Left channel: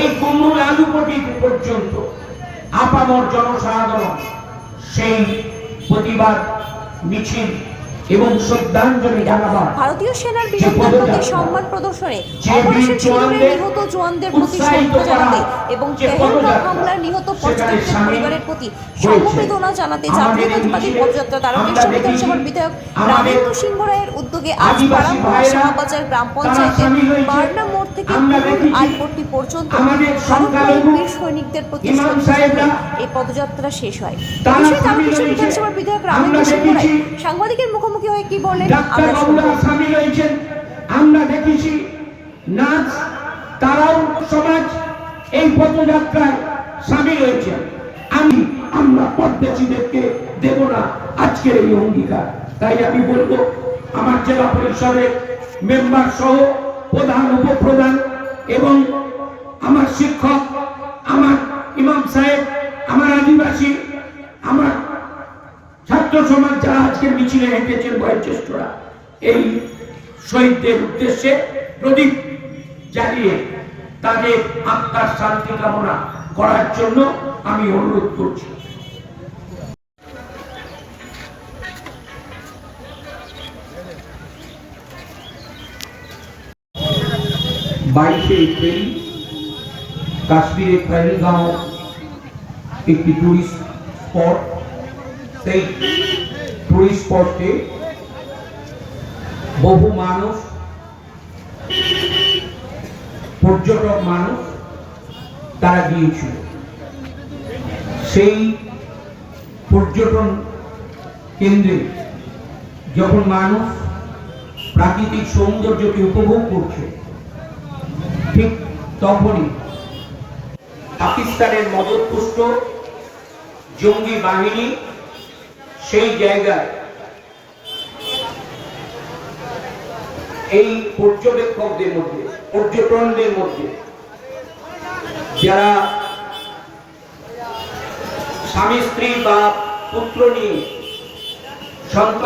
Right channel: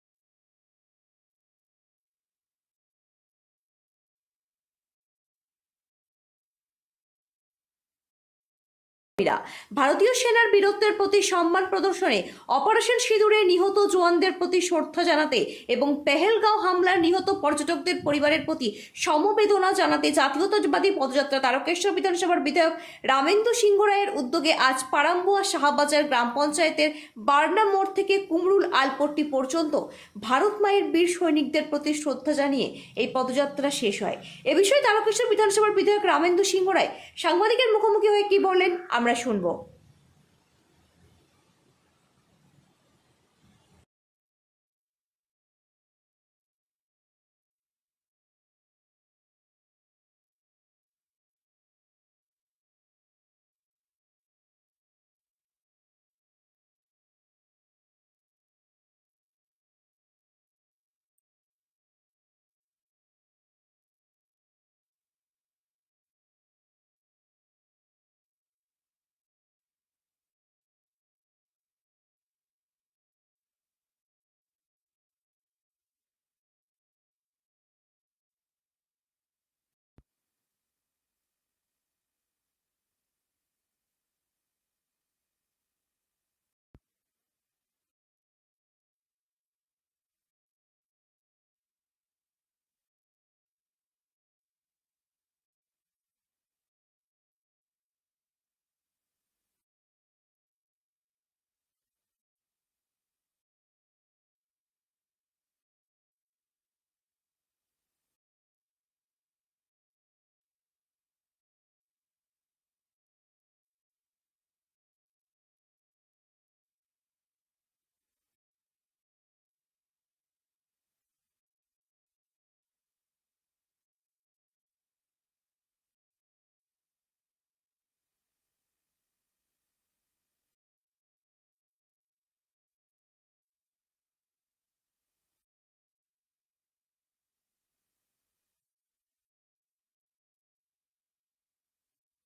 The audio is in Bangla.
এই কুমুর আলুপটি পর্যন্ত আপামর জনসাধারণ সেই প্রতিবাদ মিছিল এবং শ্রদ্ধাঞ্জলি জানাবার ভারতীয় সেনার বীরত্বের প্রতি সম্মান প্রদর্শনে অপারেশন সিঁদুরে নিহত জওয়ানদের প্রতি শ্রদ্ধা জানাতে এবং পেহেলগাঁও হামলার নিহত পর্যটকদের পরিবারের প্রতি সমবেদনা জানাতে জাতীয়তাবাদী পদযাত্রা তারকেশ্বর বিধানসভার বিধায়ক রামেন্দু সিংহ রায়ের উদ্যোগে আজ পারামপুরা শাহবাজার গ্রাম পঞ্চায়েতের বার্না মোড় থেকে পুরুল আলপট্টি পর্যন্ত ভারত মায়ের বীর সৈনিকদের প্রতি শ্রদ্ধা জানিয়ে এই পদযাত্রা শেষ হয়। এ বিষয়ে তারকেশ্বর বিধানসভার বিধায়ক রামেন্দু সিংহ রায় সাংবাদিকের মুখোমুখি হয়ে কি বলেন আমরা শুনবো। আমরা দেখেছি নাচ, তারাও সমাজ এই পদযাত্রায় সামিল হয়েছে। আমরা পদ্মসীদেরকে দেব না আজকের এই অঙ্গীকার। তাই আমি বলবো আমার জেলা পরিষদের মেম্বার সহ প্রধান, উপপ্রধান এবং আমার শিক্ষক, আমার ইমাম সাহেব, আমার আদিবাসী, আমার ছাত্র সমাজ যারা আজকে মিছিলে হেঁটেছেন, বয়োজ্যেষ্ঠরা, এই শহীদদের উদ্দেশ্যে প্রদীপ জ্বালিয়ে তাদের আত্মার শান্তি কামনা করার জন্য আমি অনুরোধ করছি। 22 এপ্রিল কাশ্মীরের পেহেলগাঁও একটি টুরিস্ট স্পট। সেই টুরিস্ট স্পটে বহু মানুষ, পর্যটক মানুষ তারা গিয়েছিল। সেই পর্যটন কেন্দ্রে যখন মানুষ প্রাকৃতিক সৌন্দর্যকে উপভোগ করছে, ঠিক তখনই পাকিস্তানের মদতপুষ্ট জঙ্গি বাহিনী সেই জায়গায় এই পর্যবেক্ষকদের মধ্যে, পর্যটনদের মধ্যে যারা স্বামী স্ত্রী বা পুত্র নিয়ে সন্তান